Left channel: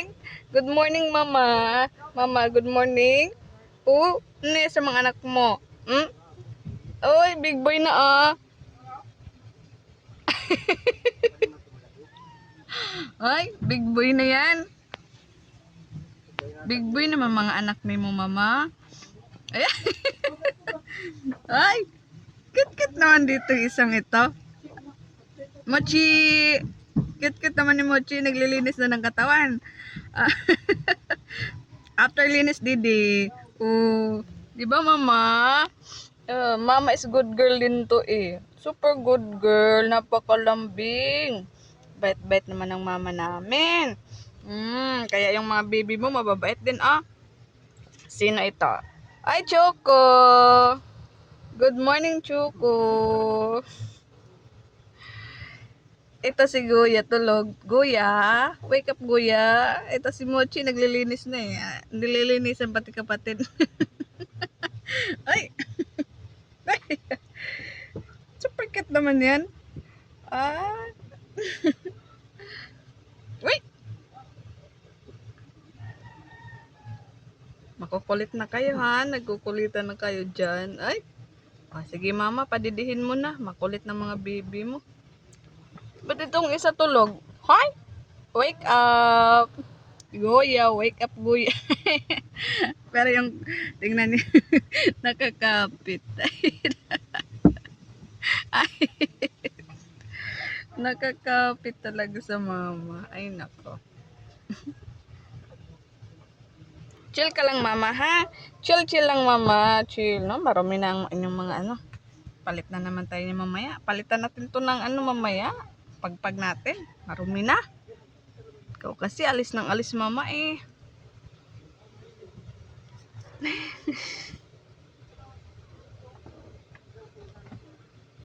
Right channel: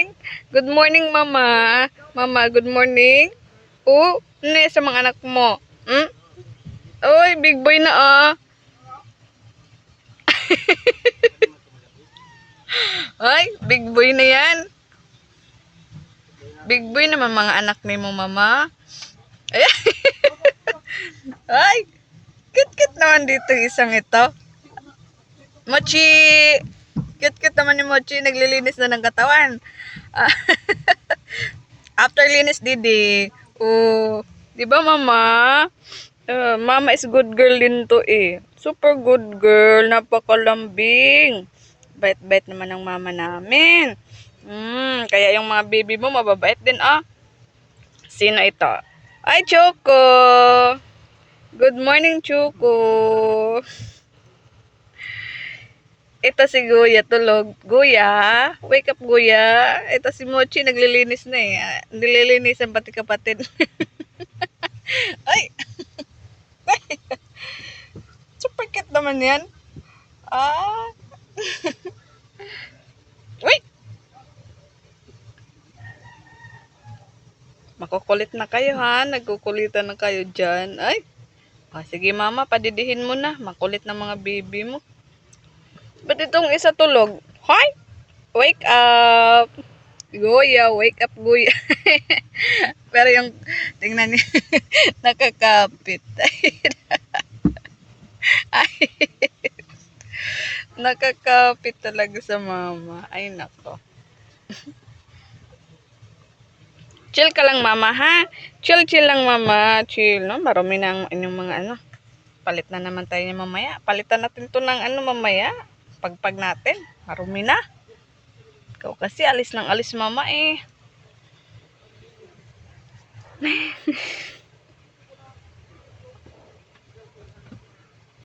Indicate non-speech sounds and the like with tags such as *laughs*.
morning. Good morning, mama. Mama, good morning. Oh, ne sa mga anak mo. Hmm? Oy, big boy na ah. *laughs* Ay, big boy na yan. Big boy naman mga anak ni mo, mama. *laughs* Ay, Ay, kit-kit naman dito isang ito. Mochi! Kit-kit naman ni Mochi, naglilinis na ng katawan. Ah, *laughs* After linis, Didi. Oh, di ba mama? Uh, mama is good girl din to eh. Super good girl, napakalambing. Bait-bait naman ng mama namin. Mm, kaya yung mga baby mo mababait din ah. Sino ito? Ay, Choco! Good morning, Choco! Ito si Guya tulog. Guya, wake up Guya. Ito si Mochi naglilinis na eh. Ah, Nililinisan pati kapatid. *laughs* Ay! *laughs* Super cute naman yan. Ah! *laughs* Uy! Makukulit na kayo ha. Nagkukulitan na kayo dyan. Ay! Ah, sige mama, padidihin mo na. Makulit na mga baby mo. Ba't itong isa tulog? Hoy! Wake up! Goya, wake up, Goya. *laughs* Pero yung, tingnan niyo, *laughs* nakakapit. *laughs* Nakakapit talaga sa mama. Ay, nako. chill ka lang, mama, ha? Chill, chill lang, mama. Chill, no? Marami na ang inyong mga ano. Palit na naman tayo niya mamaya. Palitan natin to ng ano mamaya. Pagpag natin. Marumi na. Ikaw kasi alis ng alis mama eh. *laughs*